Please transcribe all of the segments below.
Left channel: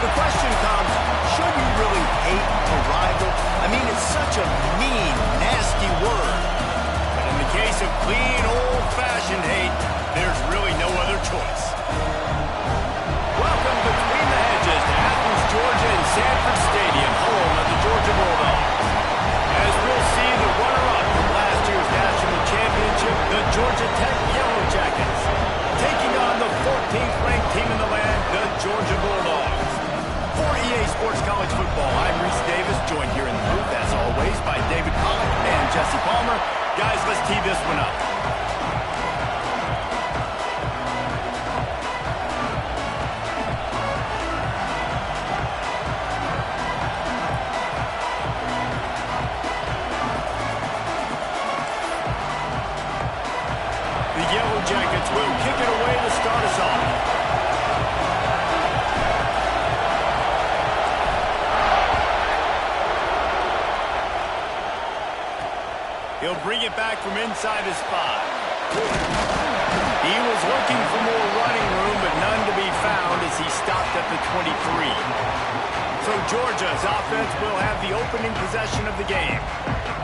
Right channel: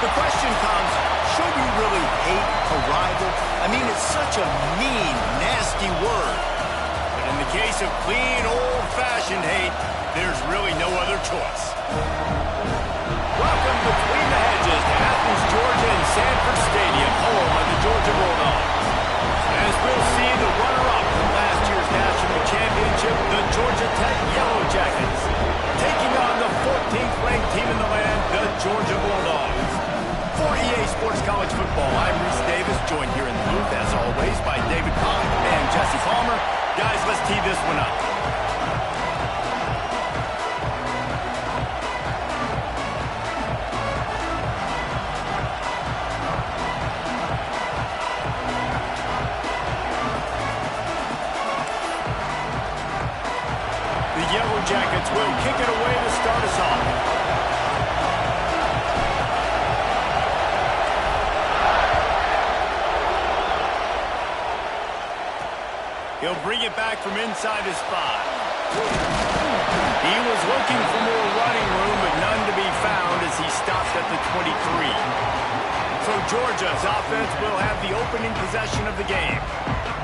The question comes, should you really hate a rival? I mean, it's such a mean, nasty word. But in the case of clean, old-fashioned hate, there's really no other choice. Welcome between the hedges to Athens, Georgia and Sanford Stadium, home of the Georgia Bulldogs. As we'll see the runner-up from last year's national championship, the Georgia Tech Yellow Jackets, taking on the 14th ranked team in the land, the Georgia Bulldogs. For EA Sports College Football, I'm Reese Davis, joined here in the booth, as always, by David Pollack and Jesse Palmer. Guys, let's tee this one up. The Yellow Jackets will kick it away to start us off. He'll bring it back from inside his 5. He was looking for more running room, but none to be found as he stopped at the 23. So Georgia's offense will have the opening possession of the game.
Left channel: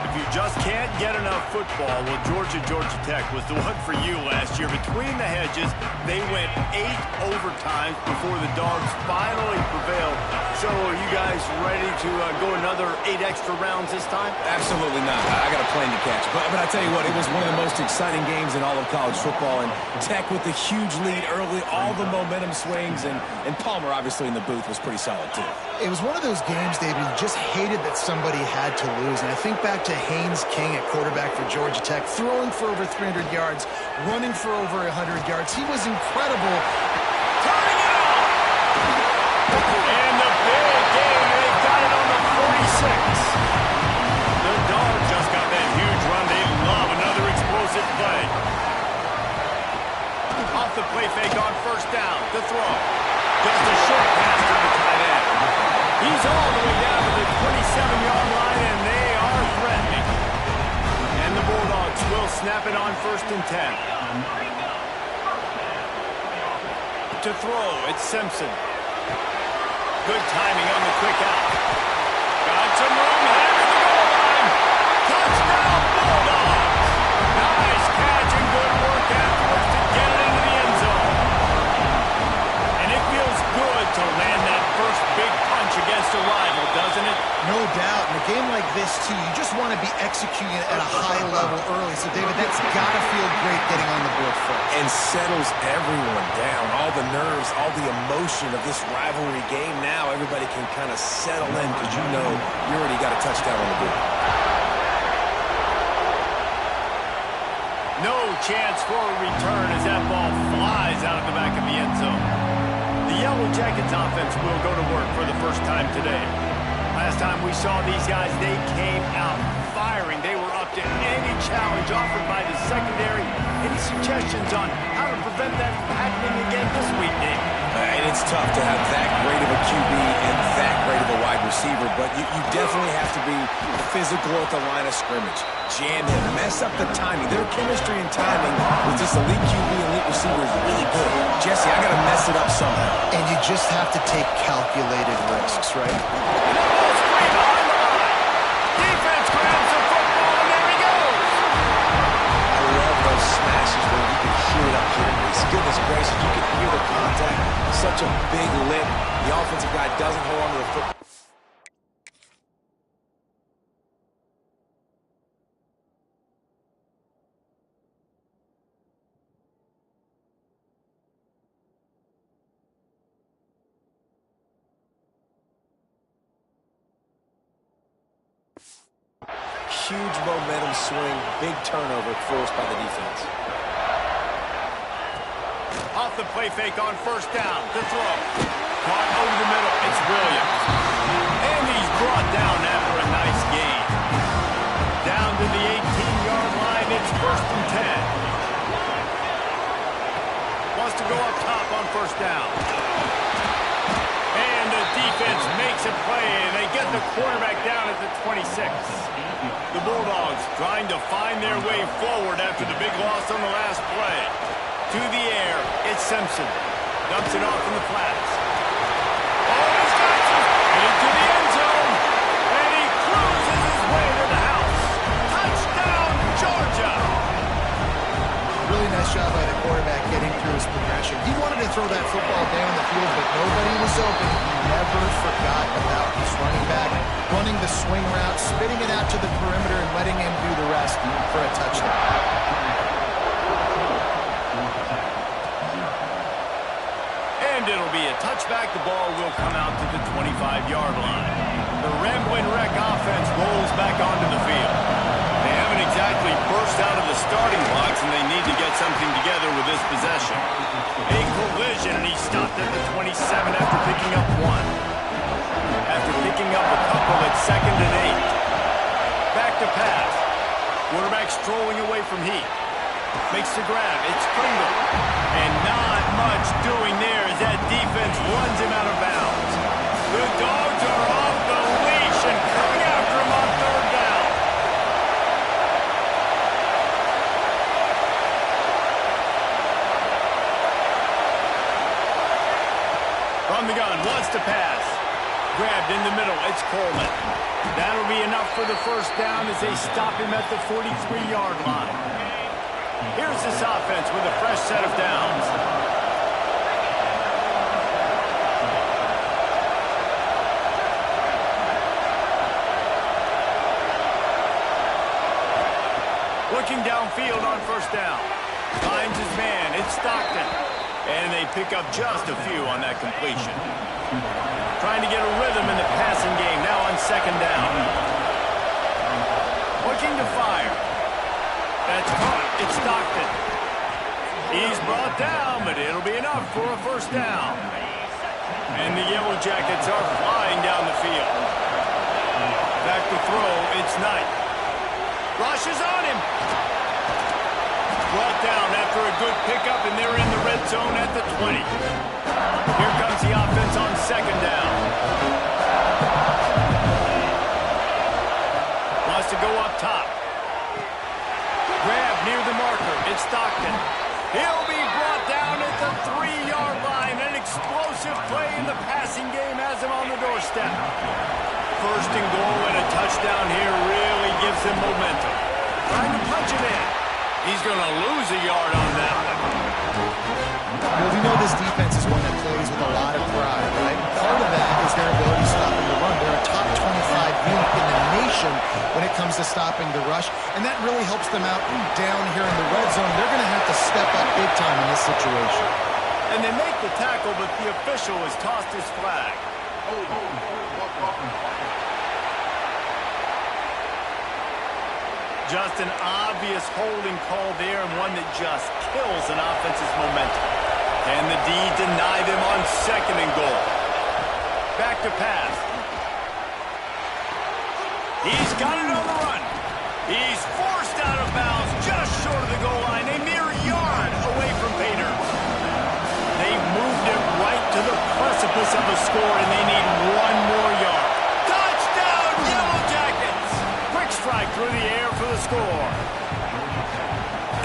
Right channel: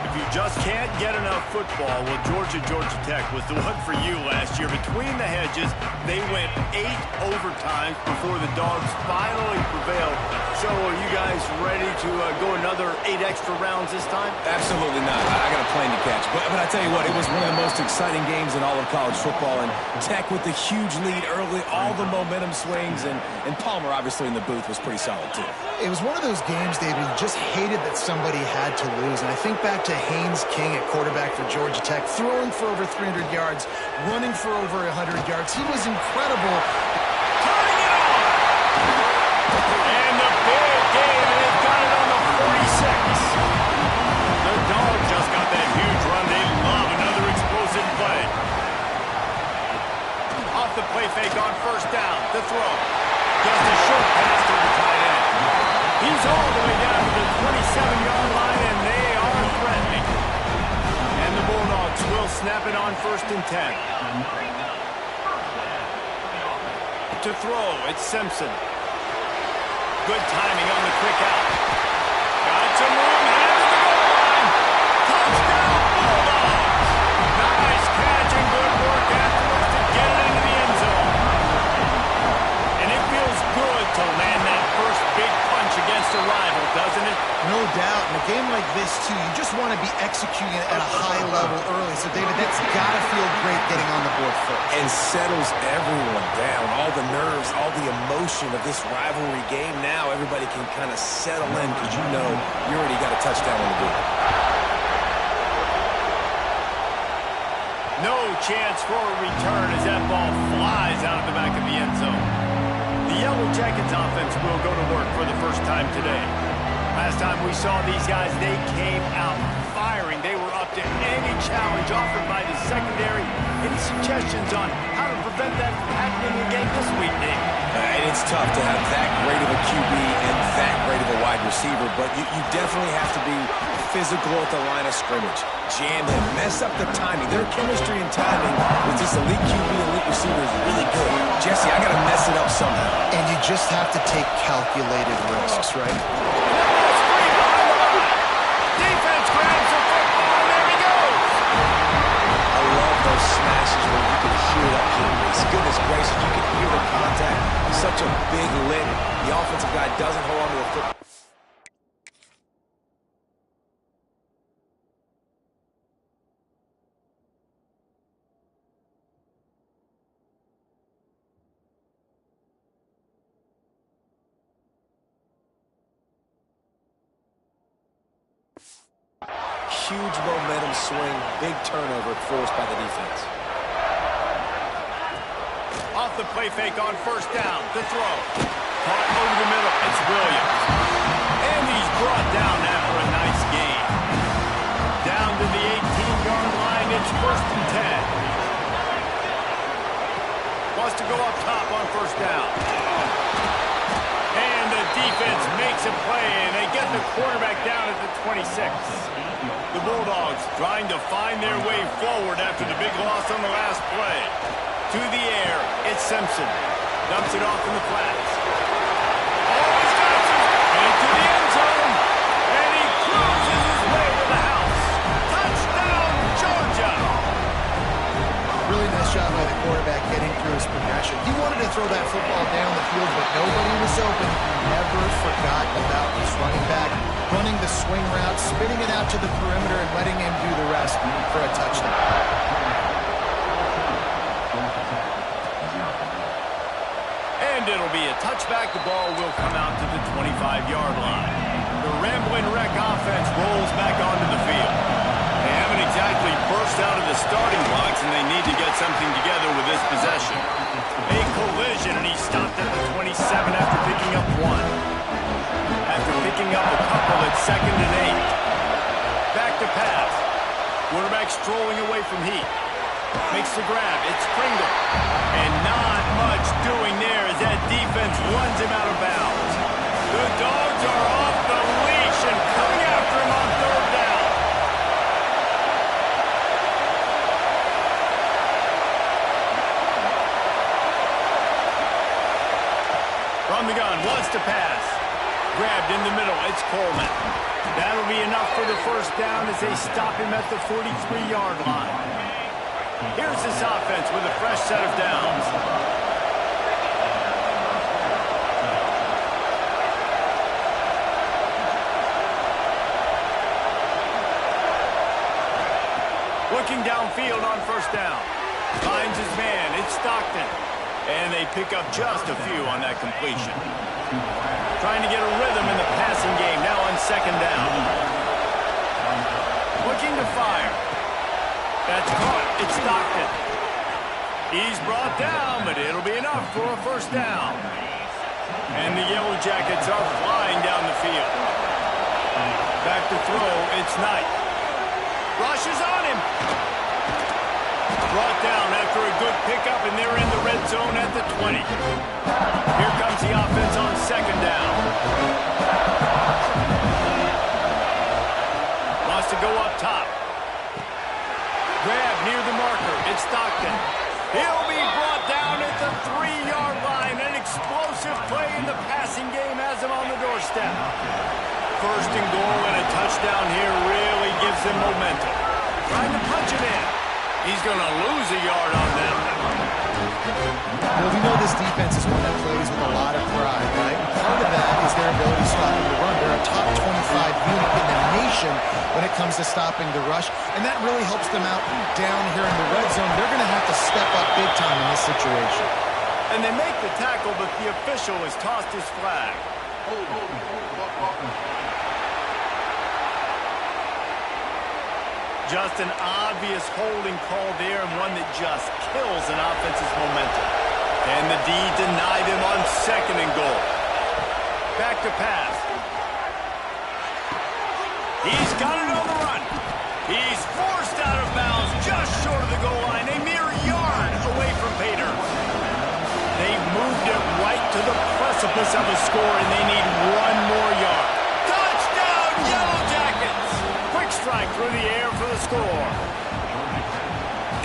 If you just can't get enough football, well, Georgia Tech was the one for you last year. Between the hedges, they went 8 overtimes before the Dogs finally prevailed. So are you guys ready to go another 8 extra rounds this time? Absolutely not. I got a plane to catch. But I tell you what, it was one of the most exciting games in all of college football. And Tech with the huge lead early, all the momentum swings. And Palmer, obviously, in the booth was pretty solid, too. It was one of those games, David, you just hated that somebody had to lose. And I think back to Haynes King at quarterback for Georgia Tech, throwing for over 300 yards, running for over 100 yards. He was incredible. Turning it on! And the big game, and they've got it on the 46. The Dogs just got that huge run. They love another explosive play. Off the play fake on first down. The throw. Just a short pass to the tight end. He's all the way down to the 27-yard line, and they are threatening. And the Bulldogs will snap it on 1st and 10. To throw, it's Simpson. Good timing on the quick out. Got some room, headed to the goal line. Touchdown, Bulldogs! Nice catch and good work afterwards to get it into the end zone. And it feels good to land that first big punch against a rival, doesn't it? No doubt. In a game like this, too, you just want to be executing it at a high level early. So, David, that's got to feel great getting on the board first. And settles everyone down. All the nerves, all the emotion of this rivalry game. Now everybody can kind of settle in because you know you already got a touchdown on the board. No chance for a return as that ball flies out of the back of the end zone. The Yellow Jackets offense will go to work for the first time today. Last time we saw these guys, they came out firing. They were up to any challenge offered by the secondary. Any suggestions on how to prevent that from happening again this week, Dave? And it's tough to have that great of a QB and that great of a wide receiver, but you definitely have to be physical at the line of scrimmage. Jam him, mess up the timing. Their chemistry and timing with this elite QB, elite receiver is really good. Jesse, I got to mess it up somehow. And you just have to take calculated risks, right? And that ball's free behind the line. Defense grabs the football, and there he goes. I love those smashes where you can hear it up here, Reese. Goodness gracious, you can hear the contact. Such a big lick. The offensive guy doesn't hold on to the football. Huge momentum swing, big turnover forced by the defense. Off the play fake on first down. The throw. Caught over the middle. It's Williams. And he's brought down after a nice gain. Down to the 18-yard line. It's 1st and 10. Wants to go up top on first down. And the defense makes a play, and they get the quarterback down at the 26. The Bulldogs trying to find their way forward after the big loss on the last play. To the air, it's Simpson. Dumps it off in the flats. Oh, he's quarterback getting through his progression. He wanted to throw that football down the field, but nobody was open. He never forgot about his running back, running the swing route, spitting it out to the perimeter, and letting him do the rest for a touchdown. And it'll be a touchback. The ball will come out to the 25-yard line. The Ramblin' Wreck offense rolls back onto the field. They haven't exactly burst out of the starting blocks, and they need to get something together with this possession. A collision, and he stopped at the 27 after picking up one. After picking up a couple at 2nd and 8. Back to pass. Quarterback strolling away from Heat. Makes the grab. It's Pringle. And not much doing there as that defense runs him out of bounds. The Dogs are off the leash and coming after him on 3rd down. From the gun, wants to pass. Grabbed in the middle, it's Coleman. That'll be enough for the 1st down as they stop him at the 43-yard line. Here's this offense with a fresh set of downs. Looking downfield on 1st down. Finds his man, it's Stockton. And they pick up just a few on that completion. Trying to get a rhythm in the passing game now on 2nd down. Looking to fire. That's caught. It's Stockton. He's brought down, but it'll be enough for a 1st down. And the Yellow Jackets are flying down the field. Back to throw. It's Knight. Rush is on him. Brought down after a good pickup, and they're in the red zone at the 20. Here comes the offense on 2nd down. Wants to go up top. Grab near the marker. It's Stockton. He'll be brought down at the 3-yard line. An explosive play in the passing game has him on the doorstep. 1st and goal and a touchdown here really gives him momentum. Trying to punch it in. He's going to lose a yard on that one. Well, we know this defense is one that plays with a lot of pride, right? Part of that is their ability stopping the run. They're a top 25 unit in the nation when it comes to stopping the rush, and that really helps them out down here in the red zone. They're going to have to step up big time in this situation. And they make the tackle, but the official has tossed his flag. Just an obvious holding call there, and one that just kills an offense's momentum. Can the D deny them on 2nd and goal? Back to pass. He's got it on the run. He's forced out of bounds just short of the goal line, a mere yard away from Pater. They moved it right to the precipice of a score, and they need one more yard. Touchdown, Yellow Jackets! Quick strike through the air for the score.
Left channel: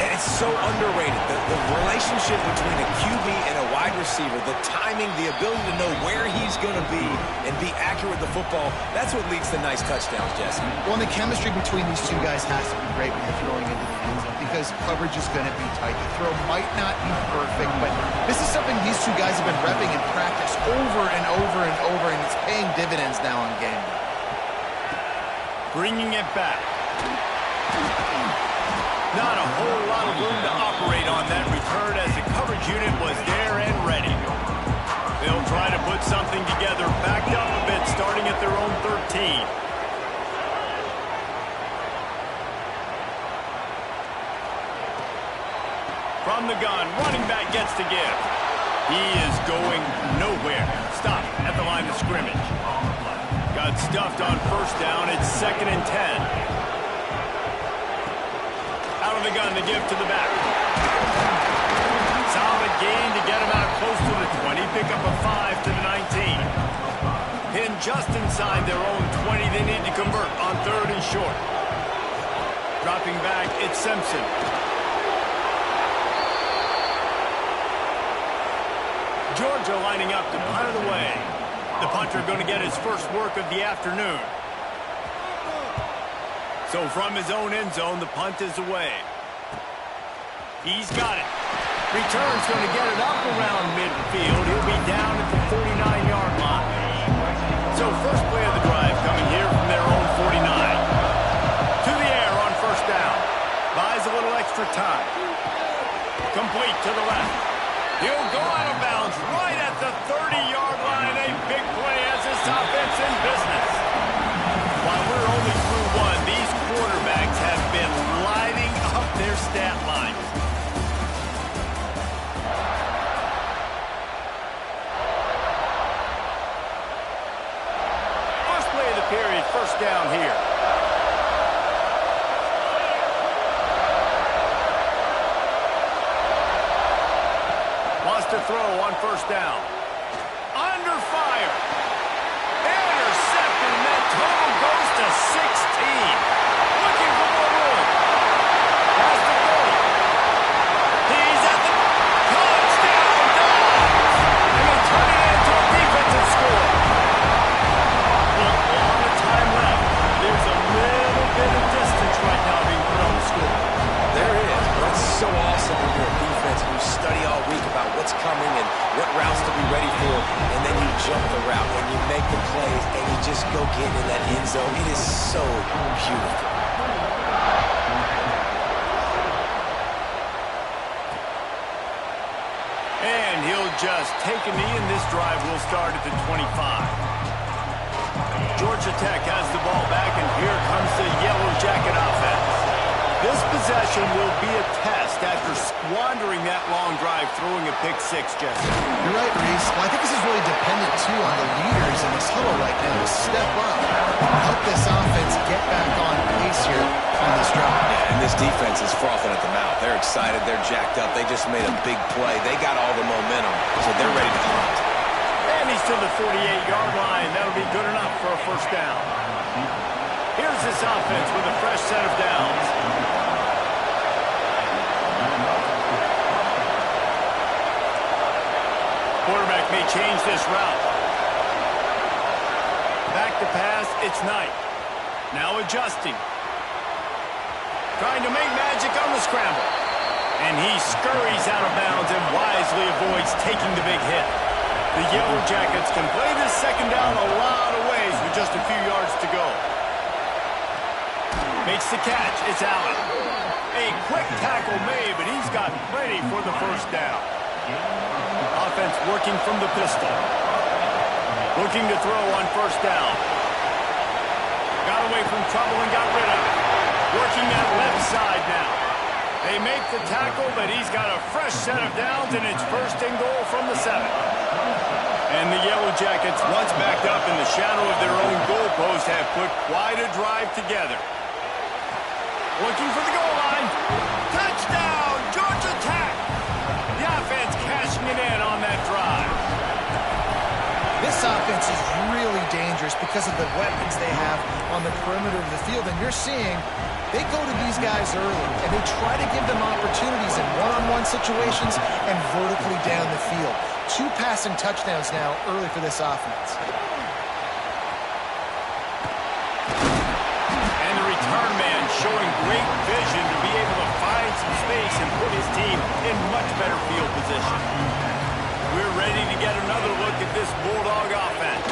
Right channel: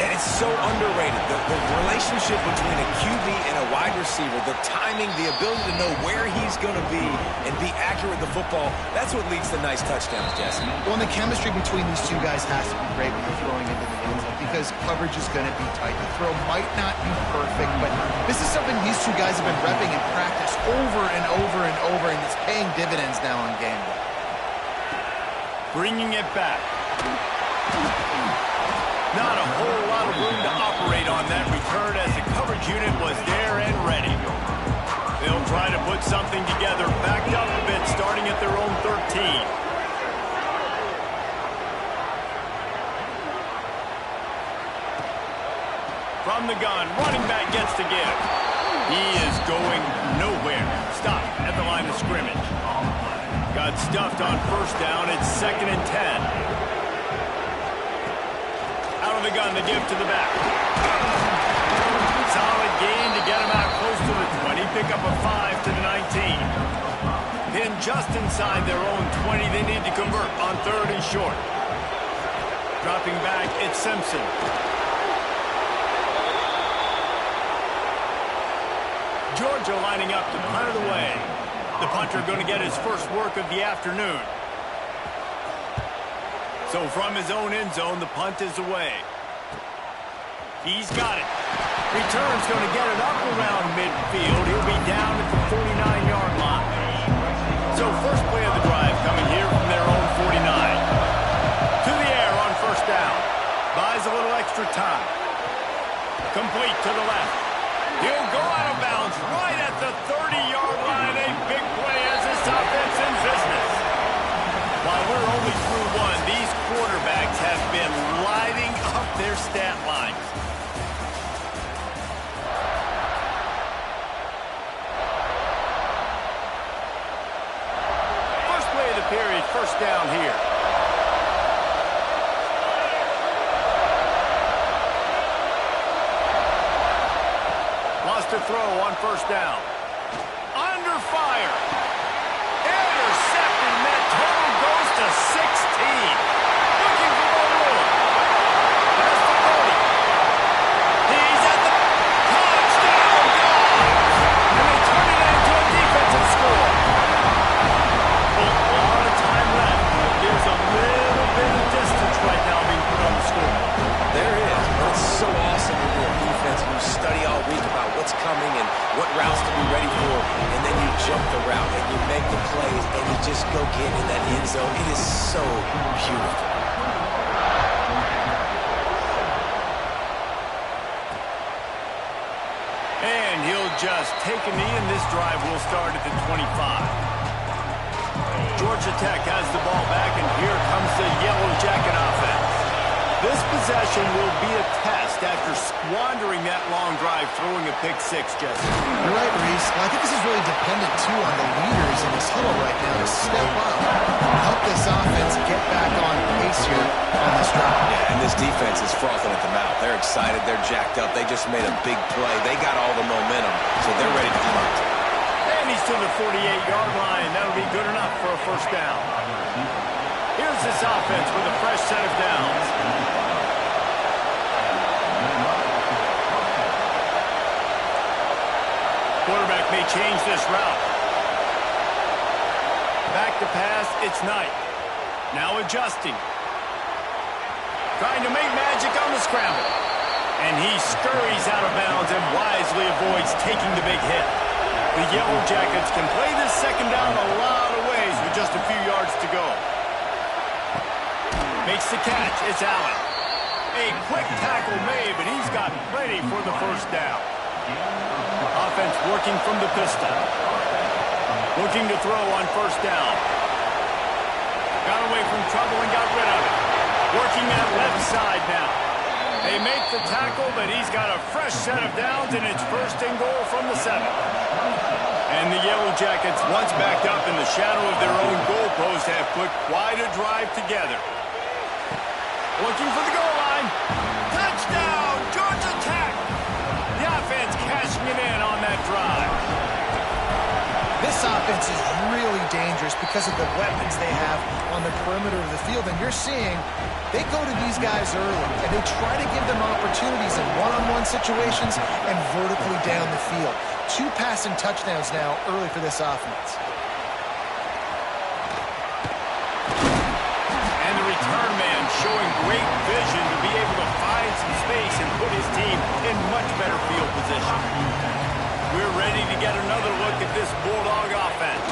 And it's so underrated. The relationship between a QB and a wide receiver, the timing, the ability to know where he's going to be and be accurate with the football, that's what leads to nice touchdowns, Jesse. Well, and the chemistry between these two guys has to be great when you're throwing into the end zone because coverage is going to be tight. The throw might not be perfect, but this is something these two guys have been repping in practice over and over and over, and it's paying dividends now on game day. Bringing it back. Not a whole lot of room to operate on that return as the coverage unit was there and ready. They'll try to put something together, backed up a bit, starting at their own 13. From the gun, running back gets the give. He is going nowhere. Stop at the line of scrimmage. Got stuffed on 1st down. It's 2nd and 10. Out of the gun to give to the back. Solid gain to get him out close to the 20. Pick up a 5 to the 19. Pinned just inside their own 20. They need to convert on 3rd and short. Dropping back, it's Simpson. Georgia lining up to punt it away. The punter going to get his first work of the afternoon. So from his own end zone, the punt is away. He's got it. Return's going to get it up around midfield. He'll be down at the 49-yard line. So first play of the drive coming here from their own 49. To the air on first down. Buys a little extra time. Complete to the left. He'll go out of bounds right at the 30-yard line. A big play as this offense in business. While we're only through one, these quarterbacks have been lighting up their stat lines. First play of the period, first down here. Wants to throw on first down. Under fire. Intercepted, and that total goes to 16. Looking for more room. Past the 30. He's at the touchdown Dogs. And they turn it into a defensive score. Well, a lot of time left. There's a little bit of distance right now being put on the score. There is, but it's so awesome when you're a defense and you study all week about what's coming and what routes to be ready for, and then you jump the route and you make the plays and you just go get in that end zone. It is so beautiful. And he'll just take a knee, and this drive will start at the 25. Georgia Tech has the ball back, and here comes the Yellow Jacket offense. This possession will be a test after squandering that long drive, throwing a pick-6, Jesse. You're right, Reese. Well, I think this is really dependent, too, on the leaders in this huddle right now to step up, help this offense get back on pace here on this drive. Yeah, and this defense is frothing at the mouth. They're excited. They're jacked up. They just made a big play. They got all the momentum, so they're ready to hunt. And he's to the 48-yard line. That'll be good enough for a first down. Here's this offense with a fresh set of downs. Quarterback may change this route. Back to pass, it's Knight. Now adjusting. Trying to make magic on the scramble. And he scurries out of bounds and wisely avoids taking the big hit. The Yellow Jackets can play this second down a lot of ways with just a few yards to go. Makes the catch. It's Allen. A quick tackle made, but he's got plenty for the first down. Offense working from the pistol. Looking to throw on first down. Got away from trouble and got rid of it. Working that left side now. They make the tackle, but he's got a fresh set of downs, and it's first and goal from the 7. And the Yellow Jackets, once backed up in the shadow of their own goalpost, have put quite a drive together. Looking for the goal line. Touchdown, Georgia Tech. The offense cashing it in on that drive. This offense is really dangerous because of the weapons they have on the perimeter of the field. And you're seeing they go to these guys early, and they try to give them opportunities in one-on-one situations and vertically down the field. 2 passing touchdowns now early for this offense. And the return man showing great vision to be able to find some space and put his team in much better field position. We're ready to get another look at this Bulldog offense.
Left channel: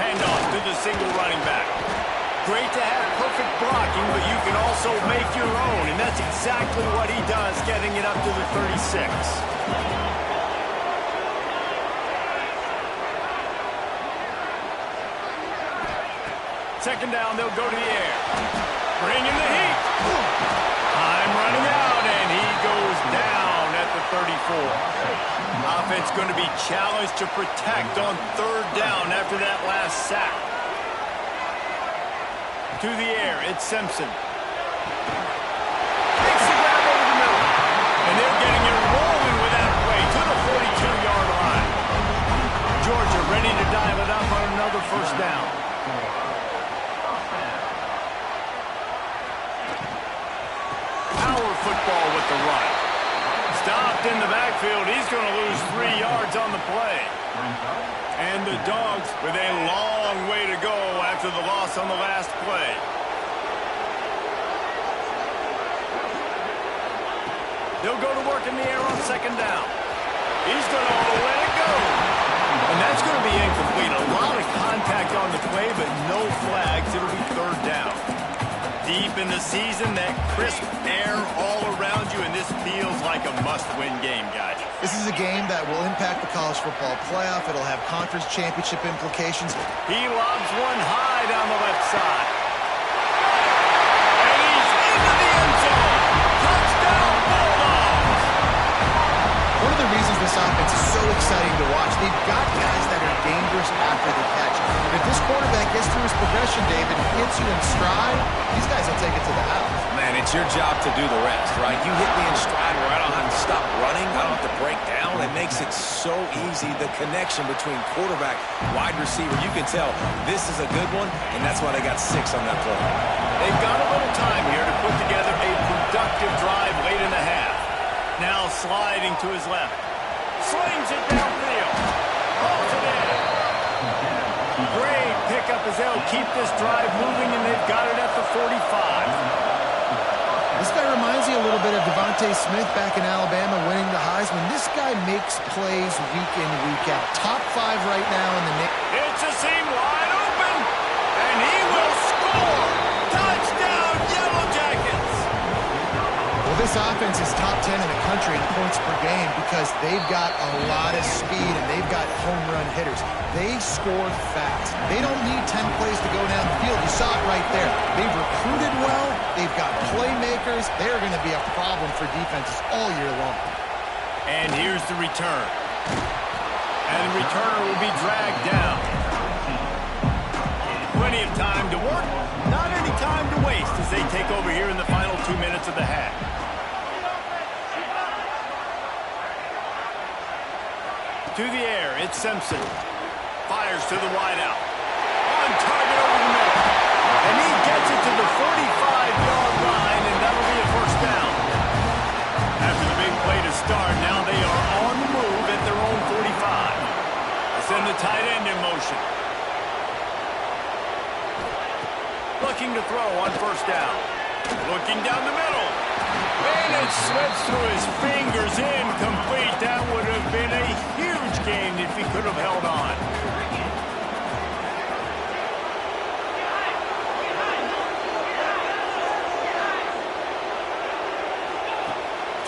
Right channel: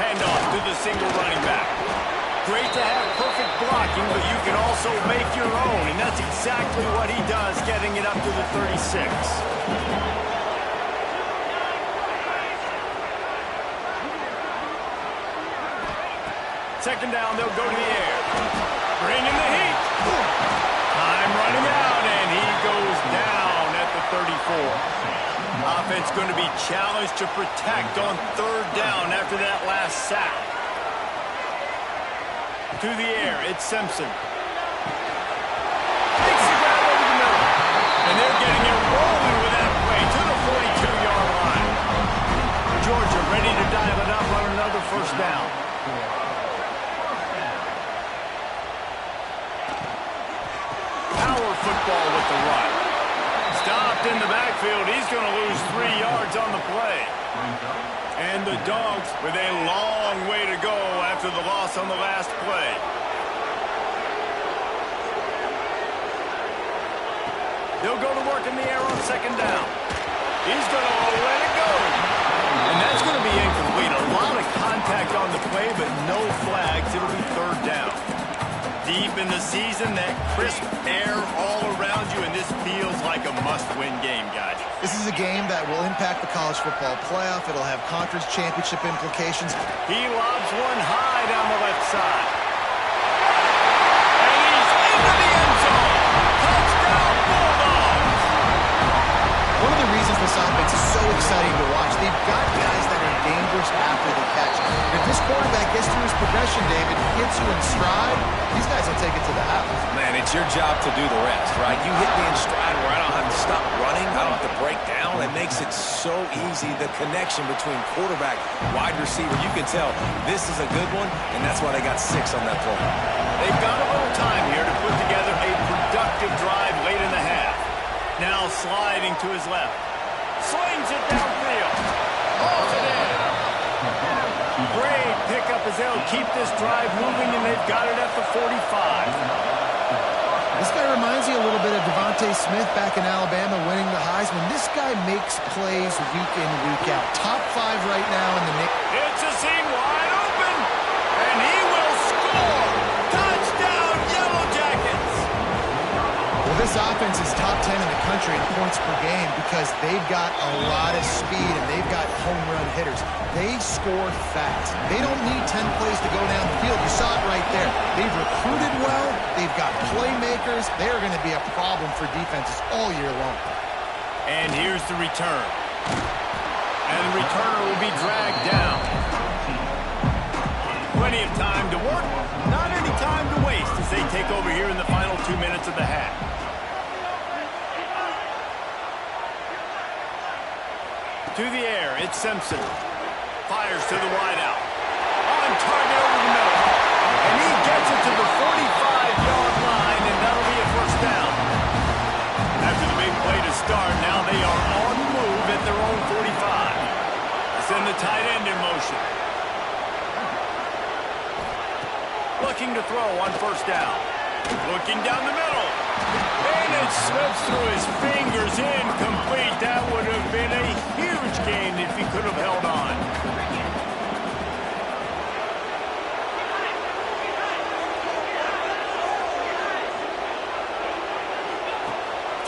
Handoff to the single running back. Great to have perfect blocking, but you can also make your own, and that's exactly what he does, getting it up to the 36. Second down, they'll go to the air. Bring in the heat. Time running out, and he goes down at the 34. Offense going to be challenged to protect on third down after that last sack. To the air, it's Simpson. Takes the grab over the middle. And they're getting it rolling with that play to the 42-yard line. Georgia ready to dial it up on another first down. Power football with the run. Stopped in the backfield. He's going to lose 3 yards on the play. And the Dogs with a long way to go after the loss on the last play. They'll go to work in the air on second down. He's going to let it go. And that's going to be incomplete. A lot of contact on the play, but no flags. It'll be third down. Deep in the season, that crisp air all around you, and this feels like a must-win game, guys. This is a game that will impact the college football playoff. It'll have conference championship implications. He lobs one high down the left side. And he's into the end zone. Touchdown, Bulldogs! One of the reasons this offense is so exciting to watch, they've got guys that are dangerous after the catch. And if this quarterback gets through his progression, David, hits you in stride, these guys will take it to the house. Man, it's your job to do the rest, right? You hit me in stride where I don't have to stop running. I don't have to break down. It makes it so easy. The connection between quarterback, wide receiver, you can tell this is a good one, and that's why they got 6 on that play. They've got a little time here to put together a productive drive late in the half. Now sliding to his left. Slings it downfield. Hauls it in. Great pickup as they'll keep this drive moving, and they've got it at the 45. This guy reminds you a little bit of Devontae Smith back in Alabama winning the Heisman. This guy makes plays week in, week out. Top 5 right now in the nation. It's a seam wide open, and he will score. Touchdown, Yellow Jackets. Well, this offense is top 10 in the country in points per game because they've got a lot of speed and they've got home run hitters. They score fast. They don't need 10 plays to go down the field. You saw it right there. They've recruited well. They've got playmakers. They're going to be a problem for defenses all year long. And here's the return. And the returner will be dragged down. Plenty of time to work. Not any time to waste as they take over here in the final 2 minutes of the half. To the air, it's Simpson. Fires to the wideout. On target over the middle. And he gets it to the 45-yard line, and that'll be a first down. After the big play to start, now they are on the move at their own 45. They send the tight end in motion. Looking to throw on first down. Looking down the middle. And it slips through his fingers, incomplete. That would have been a huge gain if he could have held on.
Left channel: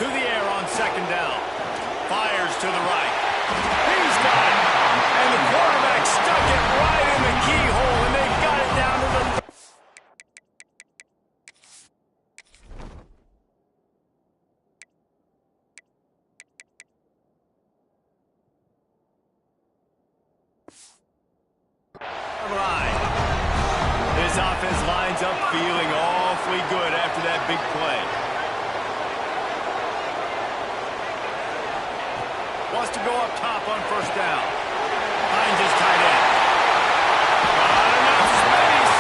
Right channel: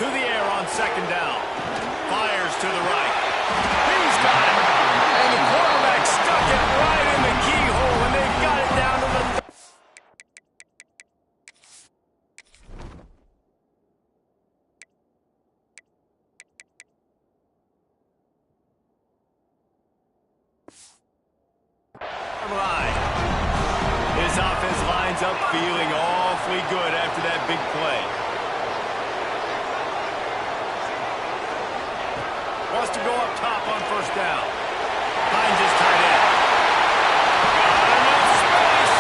To the air on second down. Fires to the right. He's got it. And the quarterback stuck it right in the keyhole, and they've got it down to the line. This offense lines up feeling awfully good after that big play. Wants to go up top on first down. Finds his tight end. Got enough space.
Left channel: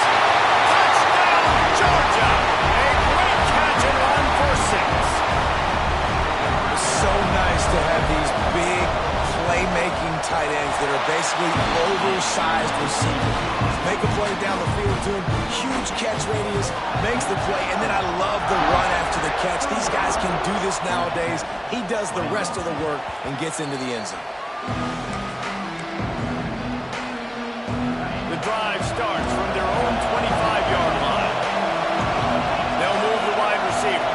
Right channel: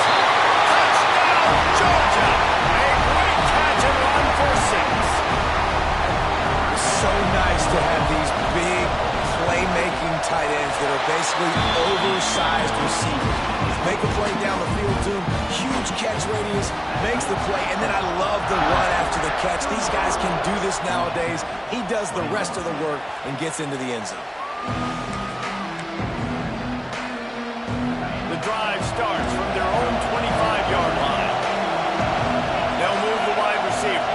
Touchdown, Georgia. A great catch and run for 6. It's so nice to have these big playmaking tight ends that are basically oversized receivers. Make a play down the field to him, huge catch radius, makes the play, and then I love the run after the catch. These guys can do this nowadays. He does the rest of the work and gets into the end zone. The drive starts from their own 25-yard line. They'll move the wide receiver.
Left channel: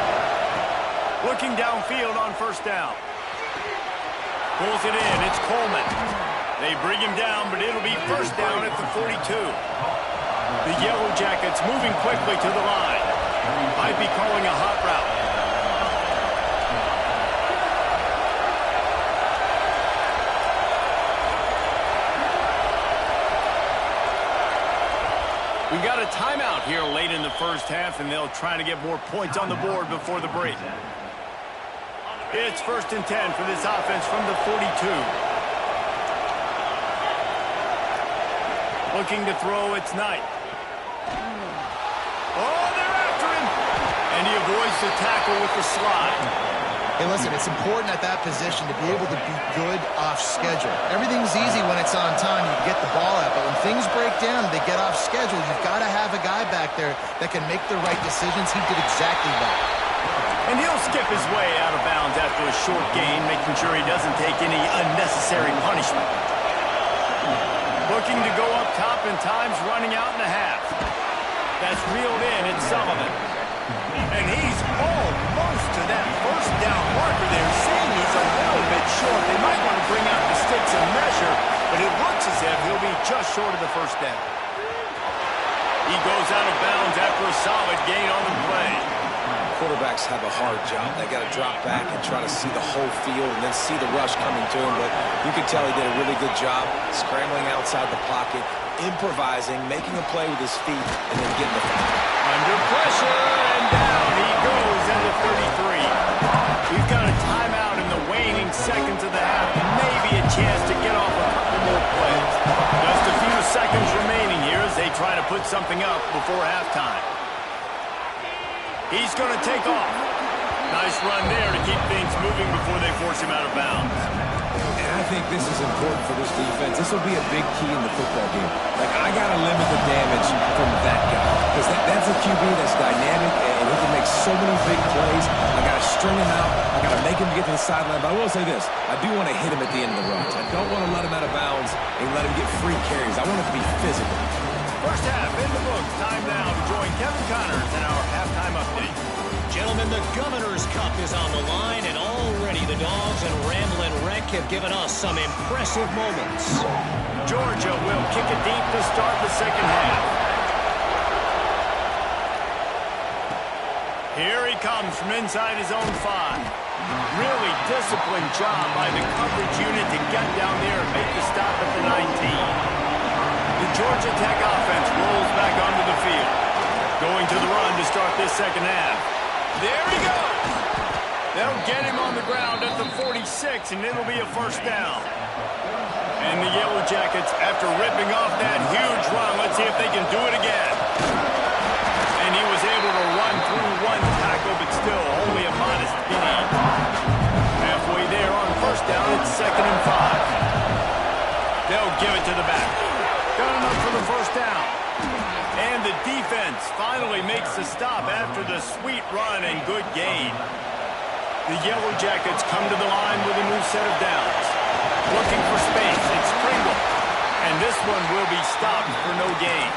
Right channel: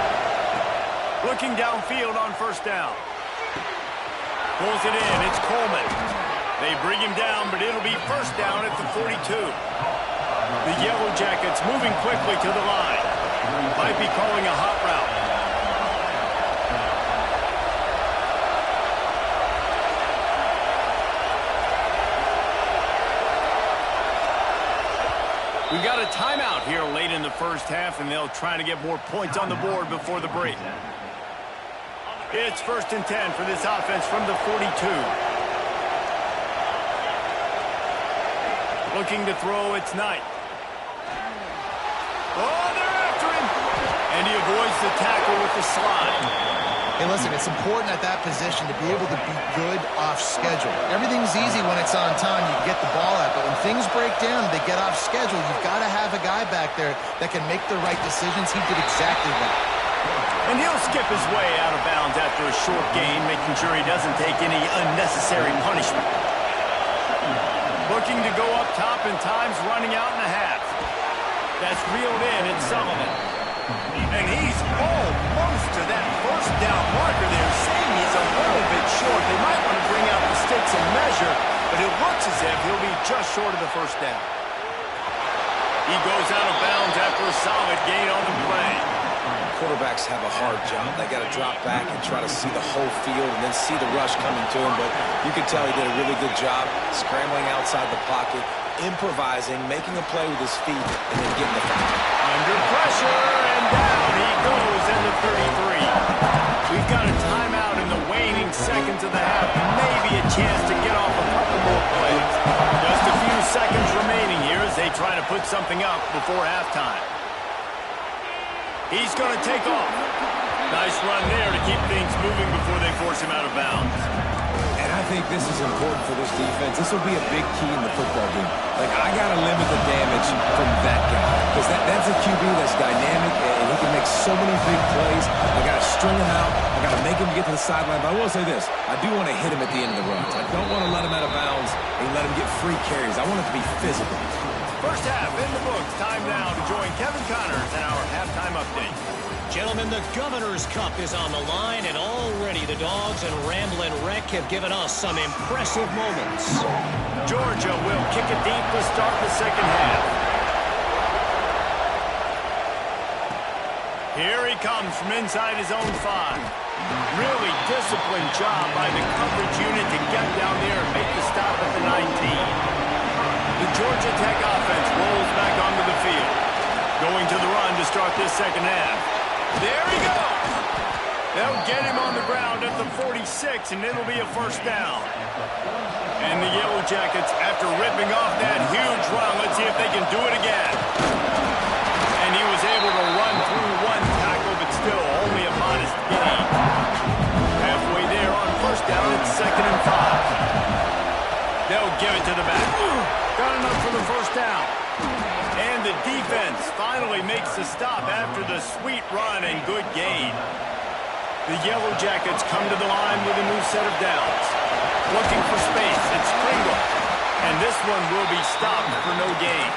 Looking downfield on first down. Pulls it in. It's Coleman. They bring him down, but it'll be first down at the 42. The Yellow Jackets moving quickly to the line. Might be calling a hot route. We've got a timeout here late in the first half, and they'll try to get more points on the board before the break. It's 1st and 10 for this offense from the 42. Looking to throw, it's Knight. Oh, they're after him. And he avoids the tackle with the slide. Hey, listen, it's important at that position to be able to be good off schedule. Everything's easy when it's on time. You can get the ball out. But when things break down and they get off schedule, you've got to have a guy back there that can make the right decisions. He did exactly that. And he'll skip his way out of bounds after a short gain, making sure he doesn't take any unnecessary punishment. Looking to go up top, and time's running out in a half. That's reeled in. It's Sullivan. And he's almost to that first down marker there, saying he's a little bit short. They might want to bring out the sticks and measure, but it looks as if he'll be just short of the first down. He goes out of bounds after a solid gain on the play. Quarterbacks have a hard job. They got to drop back and try to see the whole field and then see the rush coming to him. But you can tell he did a really good job scrambling outside the pocket, improvising, making a play with his feet, and then getting the foul. Under pressure, and down he goes at the 33. We've got a timeout in the waning seconds of the half. Maybe a chance to get off a couple more plays. Just a few seconds remaining here as they try to put something up before halftime. He's going to take off. Nice run there to keep things moving before they force him out of bounds. And I think this is important for this defense. This will be a big key in the football game. Like, I got to limit the damage from that guy. Because that's a QB that's dynamic, and he can make so many big plays. I got to string him out. I got to make him get to the sideline. But I will say this. I do want to hit him at the end of the runs. I don't want to let him out of bounds and let him get free carries. I want it to be physical. First half in the books. Time now to join Kevin Connors in our halftime update. Gentlemen, the Governor's Cup is on the line, and already the Dogs and Ramblin' Wreck have given us some impressive moments. Georgia will kick it deep to start the second half. Here he comes from inside his own 5. Really disciplined job by the coverage unit to get down there and make the stop at the 19. The Georgia Tech offense rolls back onto the field. Going to the run to start this second half. There he goes! They'll get him on the ground at the 46, and it'll be a first down. And the Yellow Jackets, after ripping off that huge run, let's see if they can do it again. And he was able to run through one tackle, but still only a modest gain. Halfway there on first down, it's 2nd and 5. They'll give it to the back. Got enough for the first down. And the defense finally makes the stop after the sweet run and good gain. The Yellow Jackets come to the line with a new set of downs. Looking for space, it's Pringle. And this one will be stopped for no gain.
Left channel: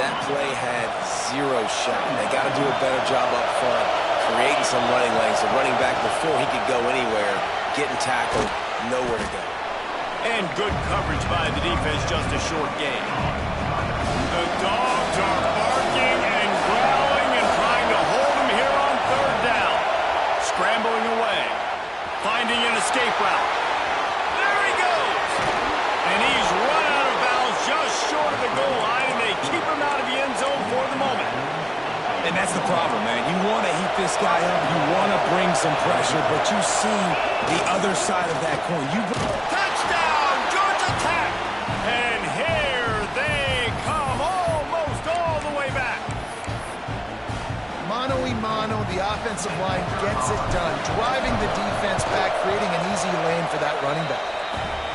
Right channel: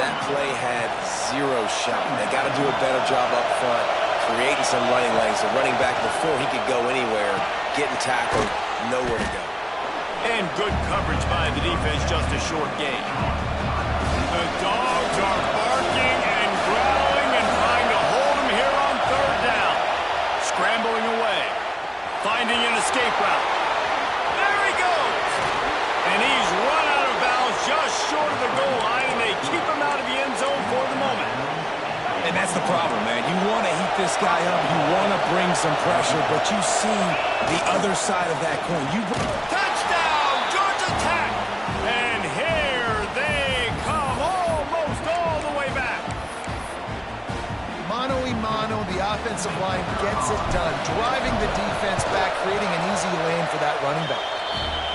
That play had 0 shot. They got to do a better job up front, creating some running lanes. The running back, before he could go anywhere, getting tackled, nowhere to go. And good coverage by the defense, just a short gain. The Dogs are barking and growling and trying to hold him here on third down. Scrambling away. Finding an escape route. There he goes! And he's run out of bounds just short of the goal line, and they keep him out of the end zone for the moment. And that's the problem, man. You want to heat this guy up. You want to bring some pressure, but you see the other side of that coin. Touchdown, Georgia Tech! And here they come, almost all the way back. Mano-a-mano, the offensive line gets it done, driving the defense back, creating an easy lane for that running back.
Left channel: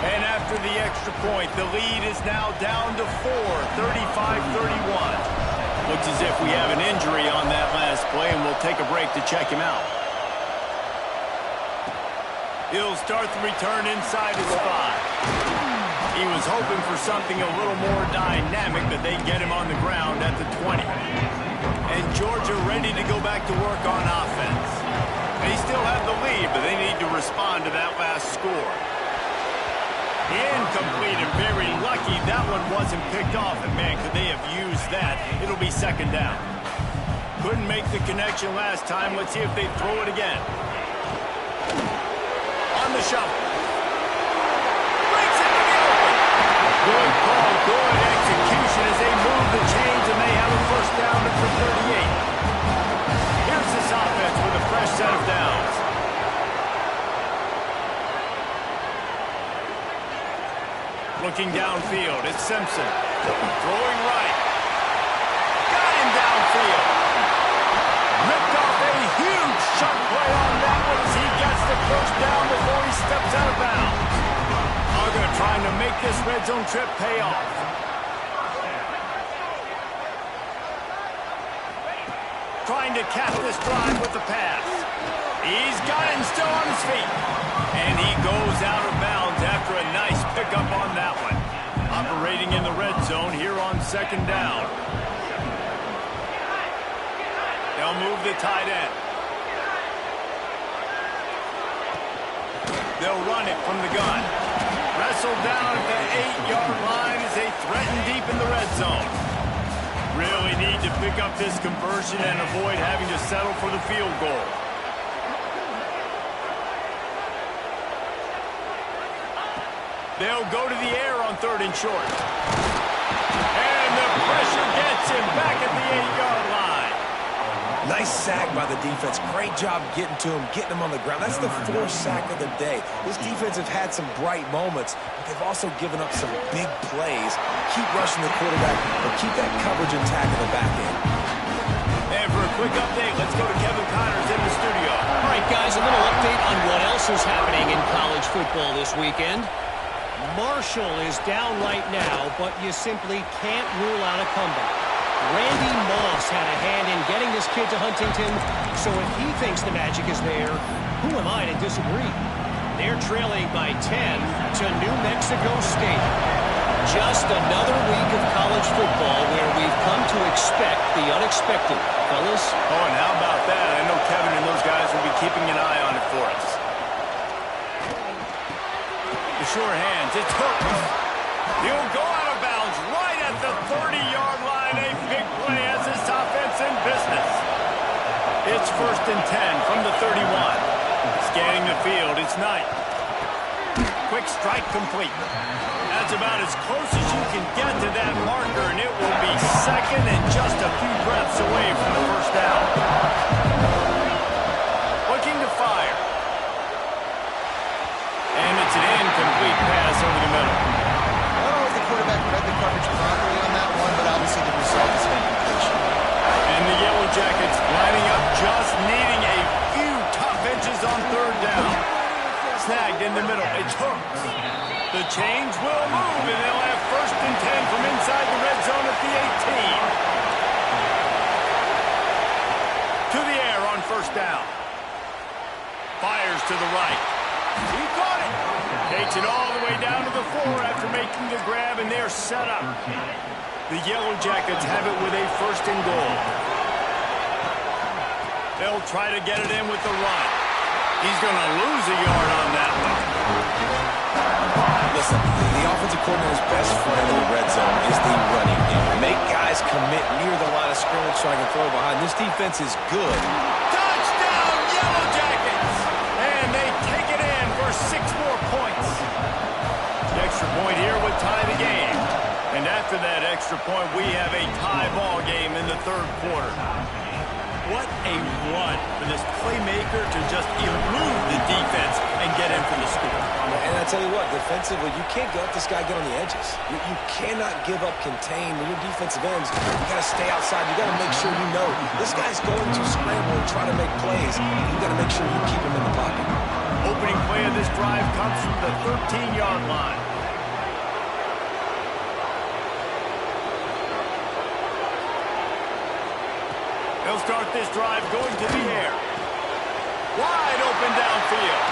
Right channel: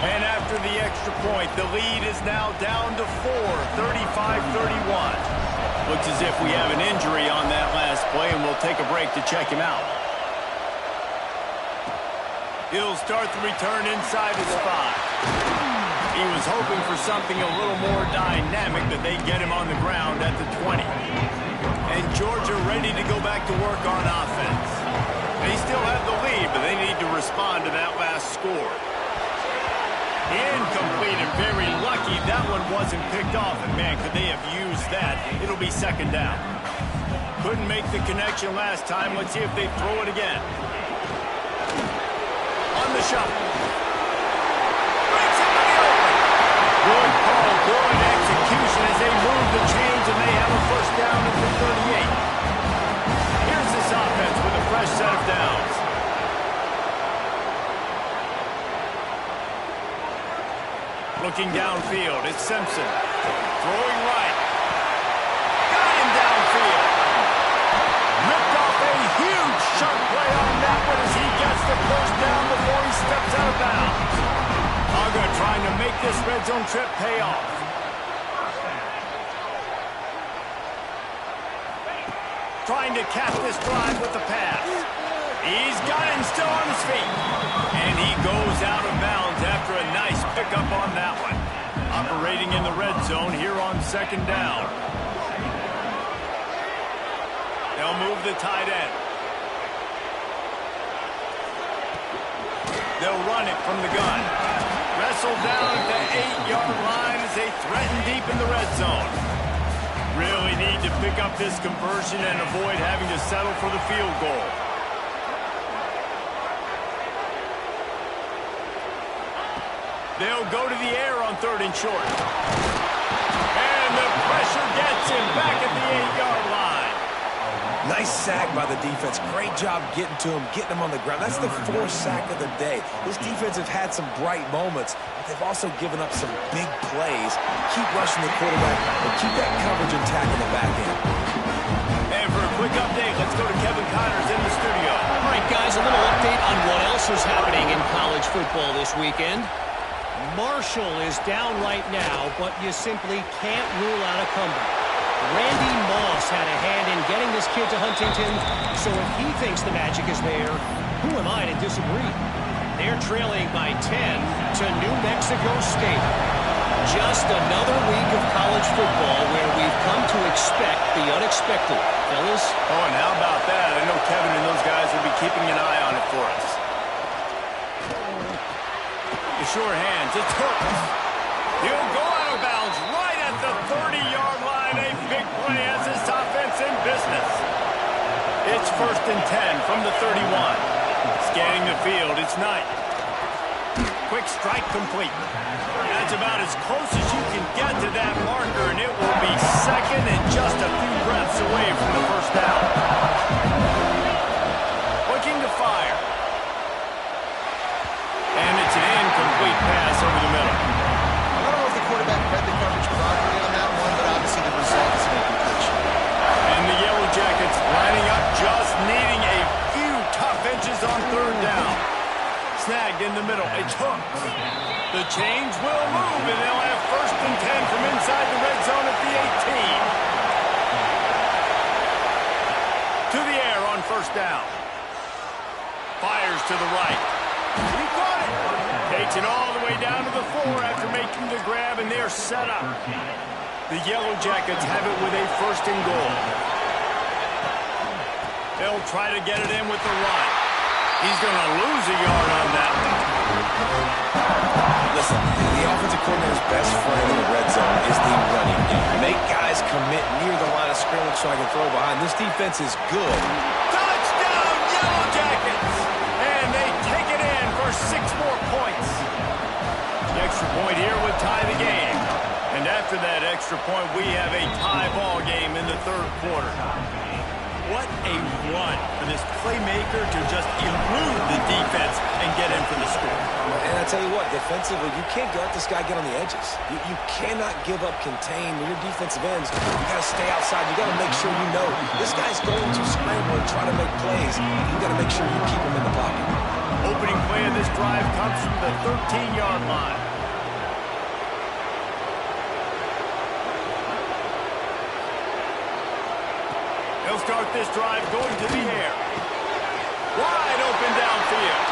And after the extra point, the lead is now down to 4, 35-31. Looks as if we have an injury on that last play, and we'll take a break to check him out. He'll start the return inside his 5. He was hoping for something a little more dynamic, but they get him on the ground at the 20. And Georgia ready to go back to work on offense. They still have the lead, but they need to respond to that last score. Incomplete, and very lucky that one wasn't picked off. And man, could they have used that? It'll be 2nd down. Couldn't make the connection last time. Let's see if they throw it again. On the shuffle. Breaks into the open. Good call, good execution as they move the chains, and they have a first down at the 38. Here's this offense with a fresh set of downs. Looking downfield, it's Simpson. Throwing right. Got him downfield. Ripped off a huge chunk play on that one as he gets the first down before he steps out of bounds. Uga trying to make this red zone trip pay off. trying to cap this drive with the pass. He's got it and still on his feet. And he goes out of bounds after a nice pickup on that one. Operating in the red zone here on second down. They'll move the tight end. They'll run it from the gun. Wrestled down at the 8-yard line as they threaten deep in the red zone. Really need to pick up this conversion and avoid having to settle for the field goal. They'll go to the air on 3rd and short. And the pressure gets him back at the 8-yard line. Nice sack by the defense. Great job getting to him, getting him on the ground. That's the 4th sack of the day. This defense have had some bright moments, but they've also given up some big plays. Keep rushing the quarterback, but keep that coverage intact in the back end. And for a quick update, let's go to Kevin Connors in the studio. All right, guys, a little update on what else is happening in college football this weekend. Marshall is down right now, but you simply can't rule out a comeback. Randy Moss had a hand in getting this kid to Huntington, so if he thinks the magic is there, who am I to disagree? They're trailing by 10 to New Mexico State. Just another week of college football where we've come to expect the unexpected. Fellas? Oh, and how about that? I know Kevin and those guys will be keeping an eye on it for us. The sure hands, it's Hooks. He'll go out of bounds right at the 30-yard line. A big play has this offense in business. It's 1st and 10 from the 31. Scanning the field, it's Knight. Quick strike complete. That's about as close as you can get to that marker, and it will be 2nd and just a few breaths away from the 1st down. Looking to fire. And it's an incomplete pass over the middle. I don't know if the quarterback read the coverage properly on that one, but obviously the result is an incompletion. And the Yellow Jackets lining up, just needing a few tough inches on 3rd down. Snagged in the middle. It's Hooks. The chains will move, and they'll have 1st and 10 from inside the red zone at the 18. To the air on 1st down. Fires to the right. He caught it. Takes it all the way down to the 4 after making the grab, and they're set up. The Yellow Jackets have it with a 1st and goal. They'll try to get it in with the run. He's going to lose a yard on that one. Listen, the offensive coordinator's best friend in the red zone is the running game. Make guys commit near the line of scrimmage so I can throw behind. This defense is good. Touchdown, Yellow Jackets! And they take it in for 6 more points. The extra point here would tie the game. And after that extra point, we have a tie ball game in the 3rd quarter. What a run for this playmaker to just elude the defense and get in for the score. And I tell you what, defensively, you can't let this guy get on the edges. You cannot give up contain when you're defensive ends. You got to stay outside. You got to make sure you know this guy's going to scramble and try to make plays. You got to make sure you keep him in the pocket. Opening play of this drive comes from the 13-yard line. They'll start this drive going to the air. Wide open downfield.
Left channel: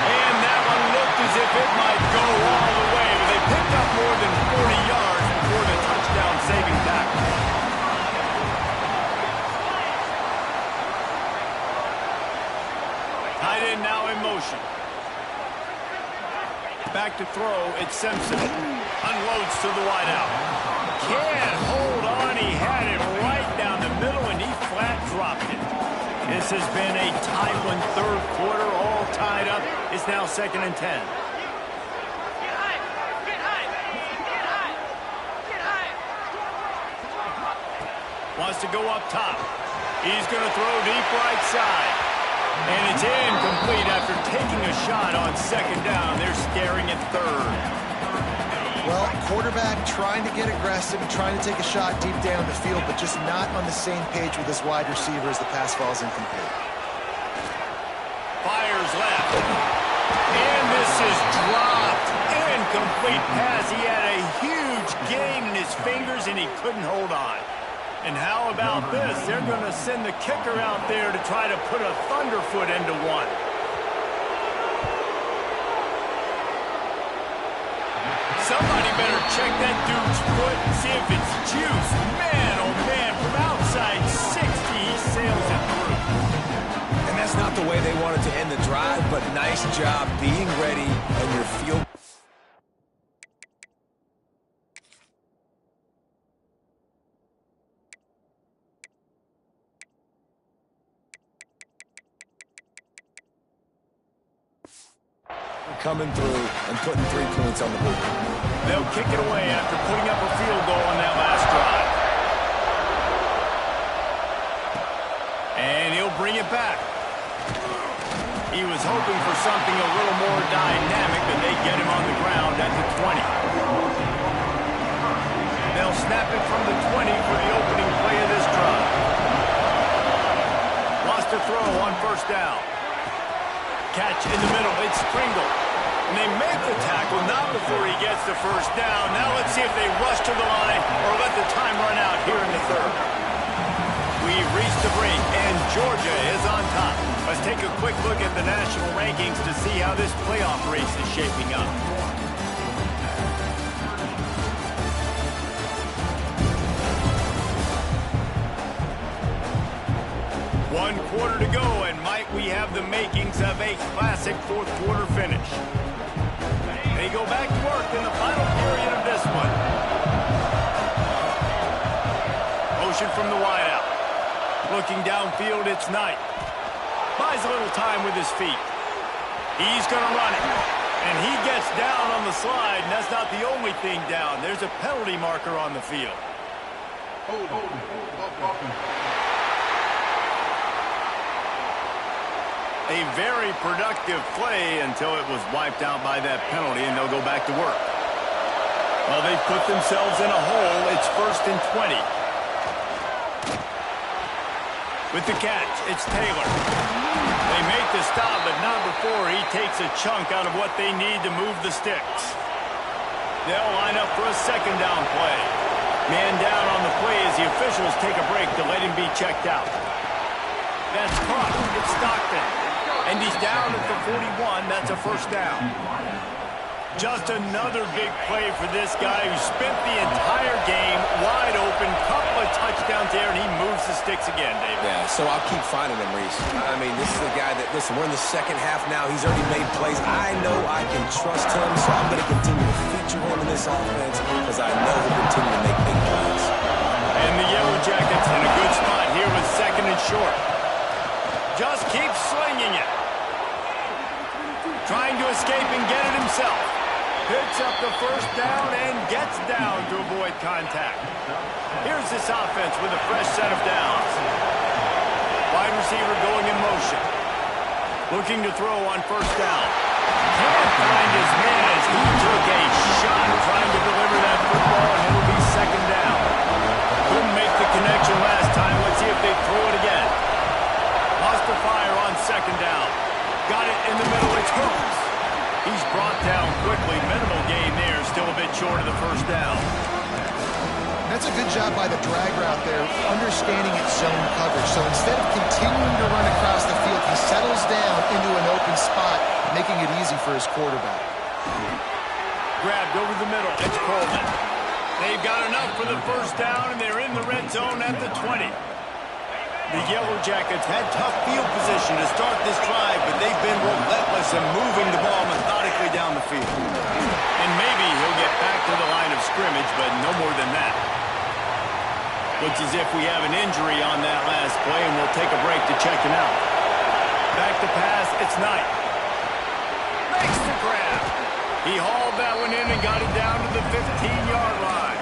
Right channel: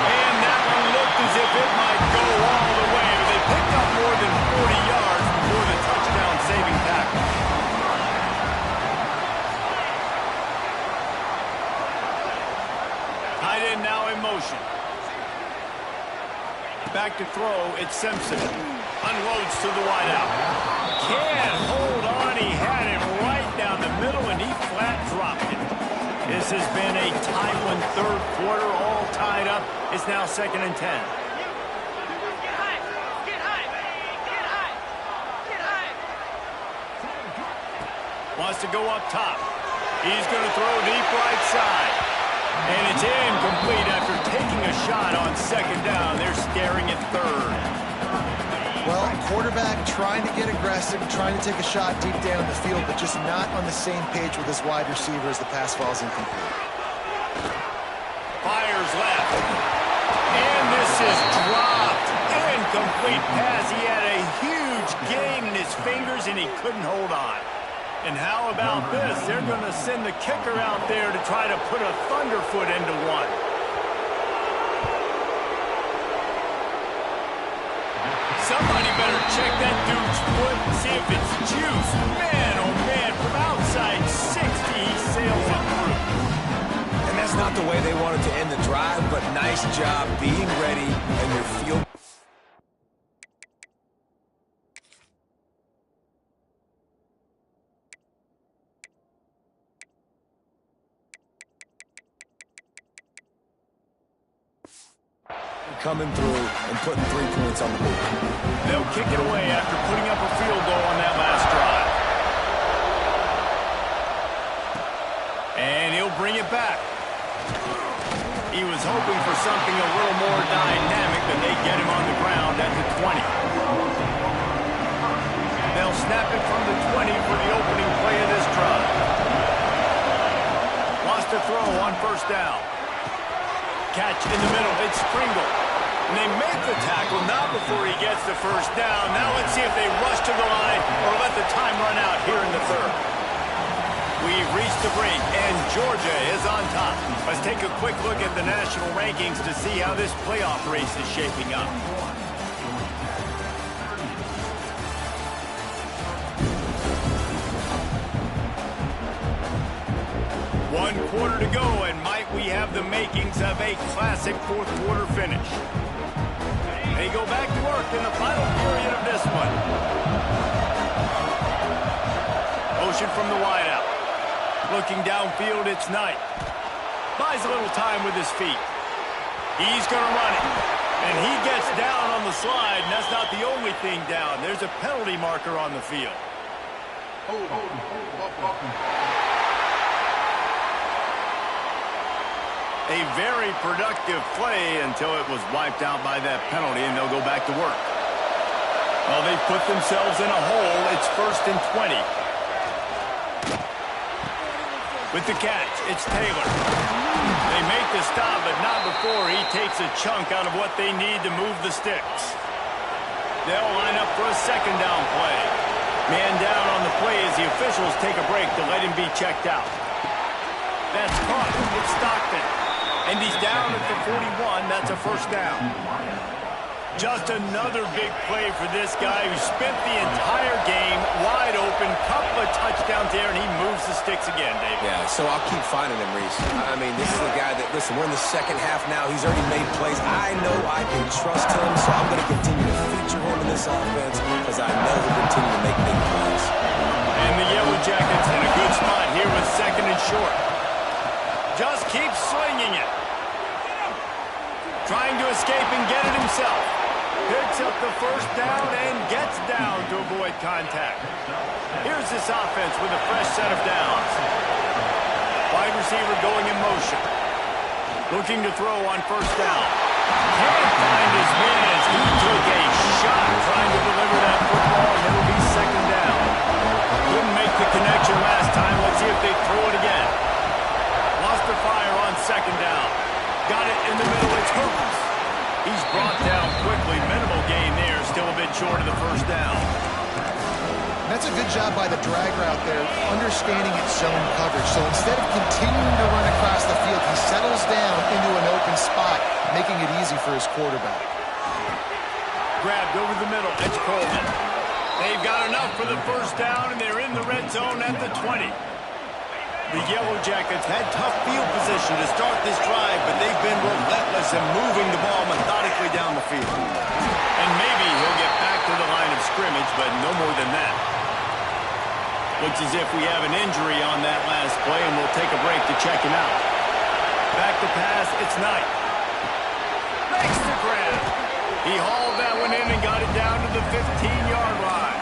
And that one looked as if it might go all the way, but they picked up more than 40 yards before the touchdown-saving tackle. Tight end now in motion. Back to throw, it's Simpson. Unloads to the wideout. Can't hold on, he had it right down the middle, and he flat dropped it. This has been a tight one, 3rd quarter, all tied up. It's now 2nd and 10. Get high! Get high, baby! Get high! Get high! Wants to go up top. He's going to throw deep right side. And it's incomplete after taking a shot on 2nd down. They're staring at 3rd. Well, quarterback trying to get aggressive, trying to take a shot deep down the field, but just not on the same page with his wide receiver as the pass falls incomplete. Fires left. And this is dropped. Incomplete pass. He had a huge gain in his fingers, and he couldn't hold on. And how about this? They're going to send the kicker out there to try to put a thunderfoot into one. Somebody better check that dude's foot and see if it's juice. Man, oh man, from outside 60, he sails it through. And that's not the way they wanted to end the drive, but nice job being ready and your field. Coming through and putting 3 points on the board. They'll kick it away after putting up a field goal on that last drive. And he'll bring it back. He was hoping for something a little more dynamic, but they get him on the ground at the 20. They'll snap it from the 20 for the opening play of this drive. Lost a throw on first down. Catch in the middle. It's Pringle. And they make the tackle, not before he gets the first down. Now let's see if they rush to the line or let the time run out here in the third. We've reached the break, and Georgia is on top. Let's take a quick look at the national rankings to see how this playoff race is shaping up. One quarter to go, and might we have the makings of a classic fourth-quarter finish. They go back to work in the final period of this one. Motion from the wideout. Looking downfield, it's Knight. Buys a little time with his feet. He's going to run it. And he gets down on the slide, and that's not the only thing down. There's a penalty marker on the field. A very productive play until it was wiped out by that penalty, and they'll go back to work. Well, they've put themselves in a hole. It's 1st and 20. With the catch, it's Taylor. They make the stop, but not before he takes a chunk out of what they need to move the sticks. They'll line up for a second down play. Man down on the play as the officials take a break to let him be checked out. That's caught. It's Stockton. And he's down at the 41. That's a first down. Just another big play for this guy who spent the entire game wide open. Couple of touchdowns there, and he moves the sticks again, David. Yeah, so I'll keep finding him, Reese. I mean, this is a guy that, listen, we're in the second half now. He's already made plays. I know I can trust him, so I'm going to continue to feature him in this offense because I know he'll continue to make big plays. And the Yellow Jackets in a good spot here with second and short. Just keeps slinging it. Trying to escape and get it himself. Picks up the first down and gets down to avoid contact. Here's this offense with a fresh set of downs. Wide receiver going in motion. Looking to throw on first down. Can't find his man as he took a shot trying to deliver that football, and it'll be second down. Couldn't make the connection last time. Let's see if they throw it again. Lost the fire on second down. Got it in the middle. It's Hoops. He's brought down quickly. Minimal gain there. Still a bit short of the first down. That's a good job by the drag route there, understanding its zone coverage. So instead of continuing to run across the field, he settles down into an open spot, making it easy for his quarterback. Grabbed over the middle. It's Coleman. They've got enough for the first down, and they're in the red zone at the 20. The Yellow Jackets had tough field position to start this drive, but they've been relentless in moving the ball methodically down the field. And maybe he'll get back to the line of scrimmage, but no more than that. Looks as if we have an injury on that last play, and we'll take a break to check him out. Back to pass, it's Knight. Makes the grab. He hauled that one in and got it down to the 15-yard line.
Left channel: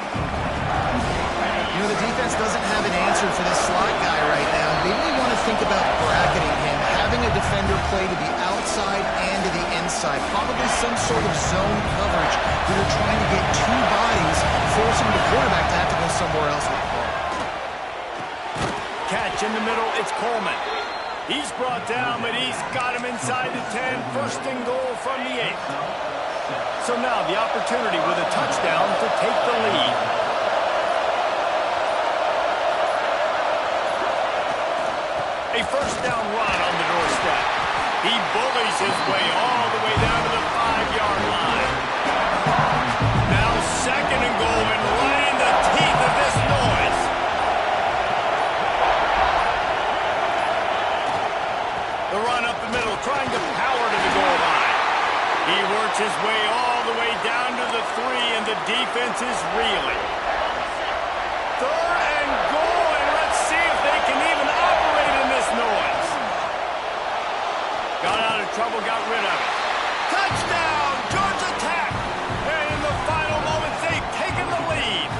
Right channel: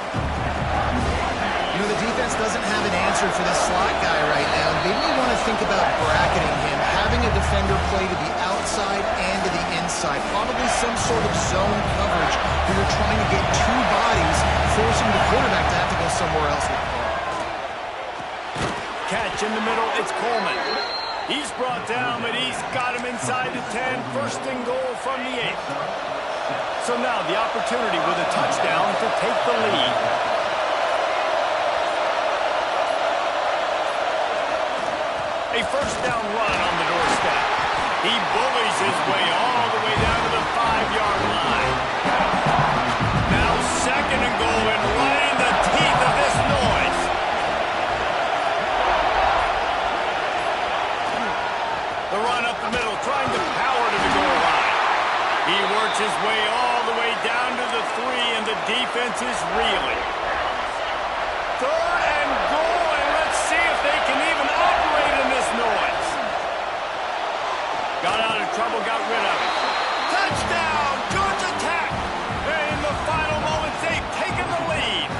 You know, the defense doesn't have an answer for this slot guy right now. They may want to think about bracketing him, having a defender play to the outside and to the inside. Probably some sort of zone coverage where you're trying to get two bodies, forcing the quarterback to have to go somewhere else with the ball. Catch in the middle, it's Coleman. He's brought down, but he's got him inside the 10. First and goal from the 8. So now the opportunity with a touchdown to take the lead. A first down run on the doorstep. He bullies his way all the way down to the 5-yard line. Now 2nd and goal, and right in the teeth of this noise. The run up the middle, trying to power to the goal line. He works his way all the way down to the 3, and the defense is reeling. 3rd and goal, and let's see if they can even operate in this noise. Got out of trouble, got rid of it. Touchdown, Georgia Tech! And in the final moments, they've taken the lead.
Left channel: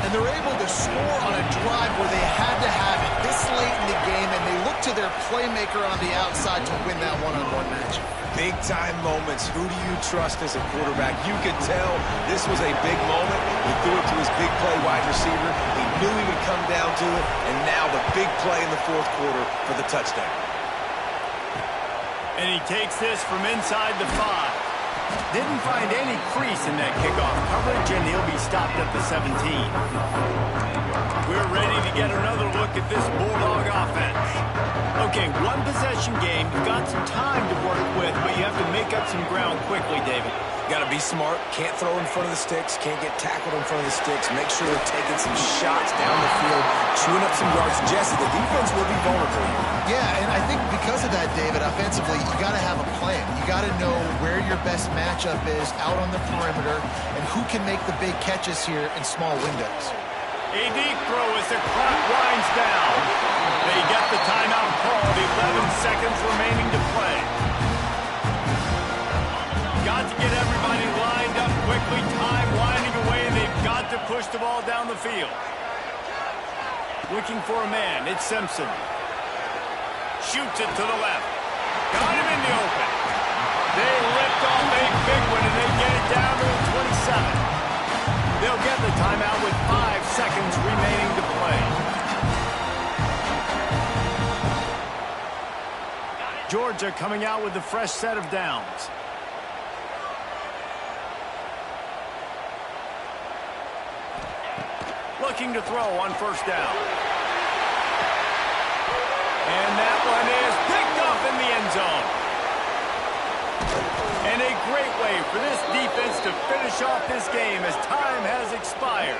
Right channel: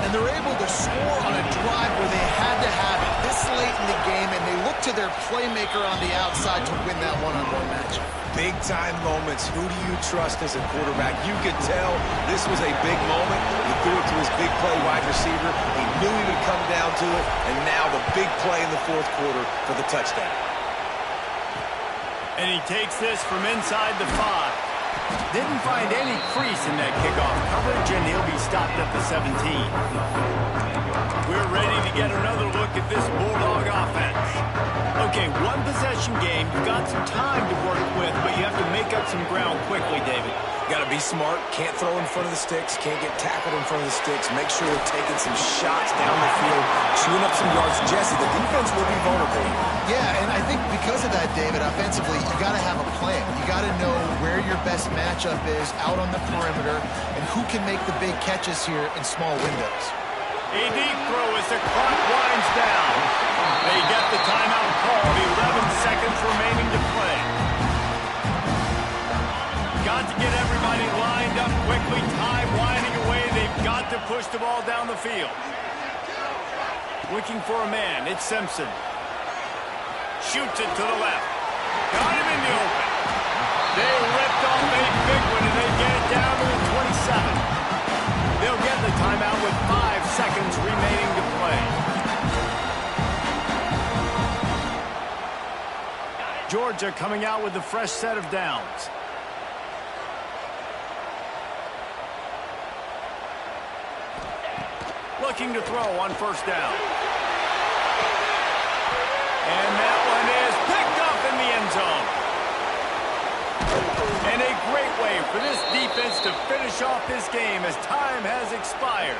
And they're able to score on a drive where they had to have it this late in the game, and they look to their playmaker on the outside to win that one-on-one matchup. Big-time moments. Who do you trust as a quarterback? You could tell this was a big moment. He threw it to his big play wide receiver. He knew he would come down to it, and now the big play in the 4th quarter for the touchdown. And he takes this from inside the 5. Didn't find any crease in that kickoff coverage, and he'll be stopped at the 17. We're ready to get another look at this Bulldog offense. Okay, one possession game. You've got some time to work with, but you have to make up some ground quickly, David. Got to be smart. Can't throw in front of the sticks. Can't get tackled in front of the sticks. Make sure they're taking some shots down the field, chewing up some yards. Jesse, the defense will be vulnerable here. Yeah, and I think because of that, David, offensively, you got to have a plan. You got to know where your best matchup is out on the perimeter and who can make the big catches here in small windows. A deep throw as the clock winds down. They get the timeout called. 11 seconds remaining to play. Got to get everybody lined up quickly. Time winding away. They've got to push the ball down the field. Looking for a man. It's Simpson. Shoots it to the left. Got him in the open. They ripped off a big one, and they get it down to the 27. They'll get the timeout with 5 seconds remaining to play. Georgia coming out with a fresh set of downs. Looking to throw on 1st down. And that one is picked up in the end zone. And a great way for this defense to finish off this game as time has expired.